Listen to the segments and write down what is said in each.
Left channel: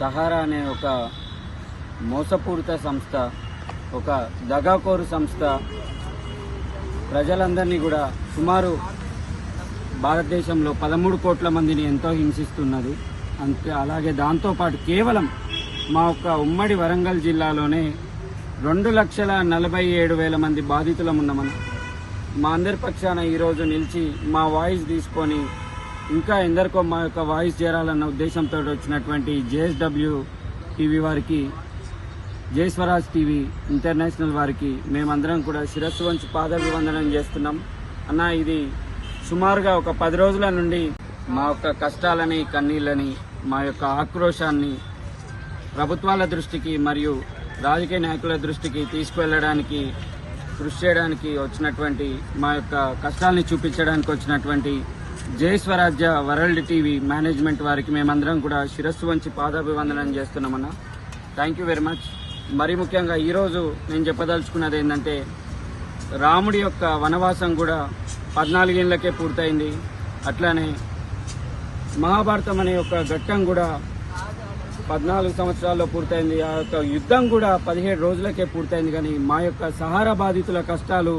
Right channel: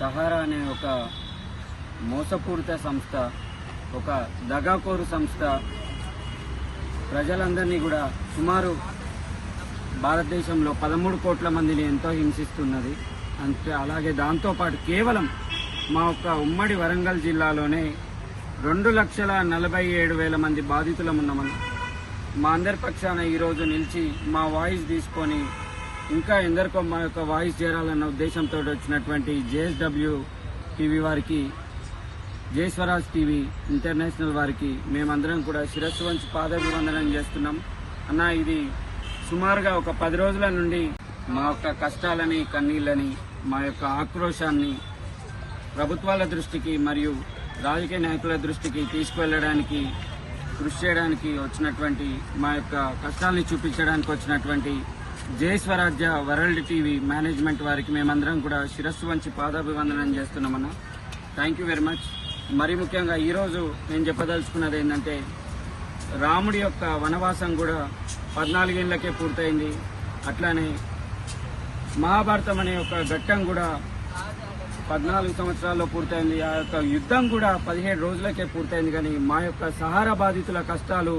Sahara అనే ఒక మోసపూరిత సంస్థ, ఒక దగాకోరు సంస్థ ప్రజలందరినీ కూడా సుమారు భారతదేశంలో 13 కోట్ల మందిని ఎంతో హింసిస్తున్నది. అంటే అలాగే దాంతోపాటు కేవలం మా యొక్క ఉమ్మడి వరంగల్ జిల్లాలోనే 2,47,000 మంది బాధితులం ఉన్నామని మా అందరి పక్షాన ఈరోజు నిలిచి మా వాయిస్ తీసుకొని ఇంకా ఎందరికో మా యొక్క వాయిస్ చేరాలన్న ఉద్దేశంతో వచ్చినటువంటి JSW టీవీ వారికి, జై స్వరాజ్ టీవీ ఇంటర్నేషనల్ వారికి మేమందరం కూడా శిరస్సు వంచి పాదాభివందనం చేస్తున్నాం. అన్న, ఇది సుమారుగా ఒక 10 రోజుల నుండి మా యొక్క కష్టాలని, కన్నీళ్ళని, మా యొక్క ఆక్రోశాన్ని ప్రభుత్వాల దృష్టికి మరియు రాజకీయ నాయకుల దృష్టికి తీసుకువెళ్లడానికి, కృషి చేయడానికి వచ్చినటువంటి, మా యొక్క కష్టాలని చూపించడానికి వచ్చినటువంటి జై స్వరాజ్య వరల్డ్ టీవీ మేనేజ్మెంట్ వారికి మేమందరం కూడా శిరస్సు వంచి పాదాభివందనం చేస్తున్నామన్నా. Thank you very much. మరి ముఖ్యంగా ఈరోజు నేను చెప్పదలుచుకున్నది ఏంటంటే, రాముడి యొక్క వనవాసం కూడా 14 ఏళ్లకే పూర్తయింది. అట్లానే మహాభారతం అనే ఒక ఘట్టం కూడా 14 సంవత్సరాల్లో పూర్తయింది. ఆ యొక్క యుద్ధం కూడా 17 రోజులకే పూర్తయింది. కానీ మా యొక్క సహారా బాధితుల కష్టాలు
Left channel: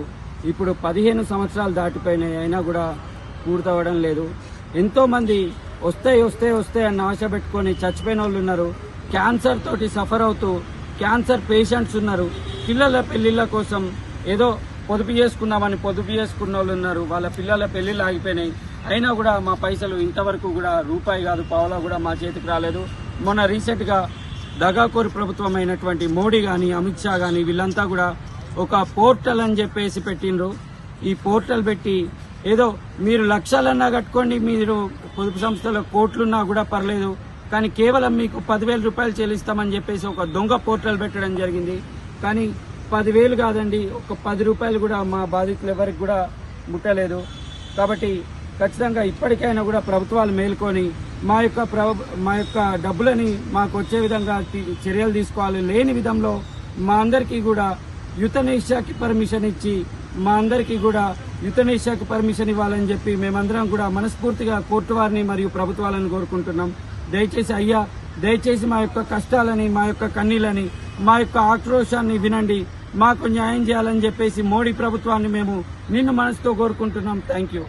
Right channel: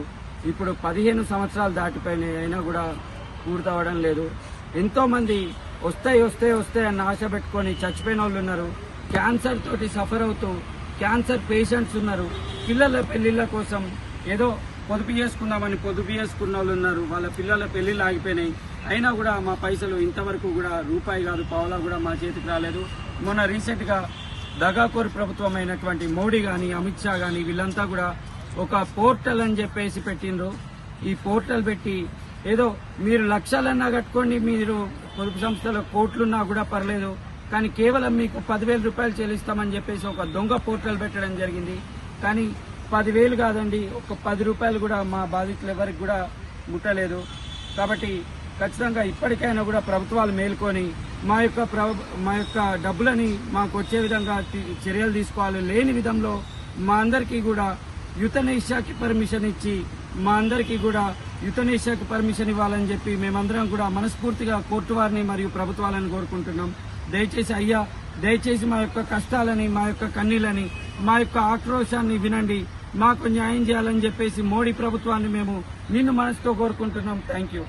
ఇప్పుడు 15 సంవత్సరాలు దాటిపోయినాయి, అయినా కూడా పూర్తవడం లేదు. ఎంతో మంది వస్తే అన్న ఆశ పెట్టుకుని చచ్చిపోయిన వాళ్ళు ఉన్నారు. క్యాన్సర్ తోటి సఫర్ అవుతూ క్యాన్సర్ పేషెంట్స్ ఉన్నారు. పిల్లల పెళ్లిళ్ల కోసం ఏదో పొదుపు చేసుకున్న వాళ్ళు ఉన్నారు. వాళ్ళ పిల్లల పెళ్లిళ్ళు ఆగిపోయినాయి, అయినా కూడా మా పైసలు ఇంతవరకు కూడా రూపాయి కాదు, పావలా కూడా మా చేతికి రాలేదు. మొన్న రీసెంట్ గా దగాకోరు ప్రభుత్వం అయినటువంటి మోడీ గాని, అమిత్ షా గాని వీళ్ళంతా కూడా ఒక పోర్టల్ అని చెప్పేసి పెట్టిండ్రు. ఈ పోర్టల్ పెట్టి ఏదో మీరు లక్షలన్నా కట్టుకోండి, మీరు పొదుపు సంస్థలో కోట్లున్నా కూడా పర్లేదు, కానీ కేవలం మీకు 10,000 రూపాయలు చెల్లిస్తామని చెప్పేసి ఒక దొంగ పోర్టల్ పెట్టడం జరిగింది. కానీ 10,000 కాదండి, ఒక 10 రూపాయలు కూడా మా బాధితులు ఎవరికి కూడా ముట్టలేదు. కాబట్టి ఖచ్చితంగా ఇప్పటికైనా కూడా ప్రభుత్వాలు మేల్కొని మా యొక్క డబ్బులని మాకు వచ్చే విధంగా చర్యలు తీసుకోవాలి. లేని విధంలో మా అందరికీ కూడా యుతనేషాకి పర్మిషన్ ఇచ్చి మా అందరికీ కూడా యుతనేషాకి పర్మిషన్ ఇవ్వాలని చెప్పి మేమందరం కూడా మనస్ఫూర్తిగా కోర్టు వారిని మరియు ప్రభుత్వాలను కోరుకుంటున్నాం. దయచేసి మా యొక్క కష్టాలని, మా యొక్క కన్నీళ్ళని, మా యొక్క ఆక్రోశాన్ని వినండి, మాకు న్యాయం చేయాలని చెప్పేసి మోడీ ప్రభుత్వాన్ని మేము నిన్ను మనసుతో కోరుకుంటున్నాం. Thank you.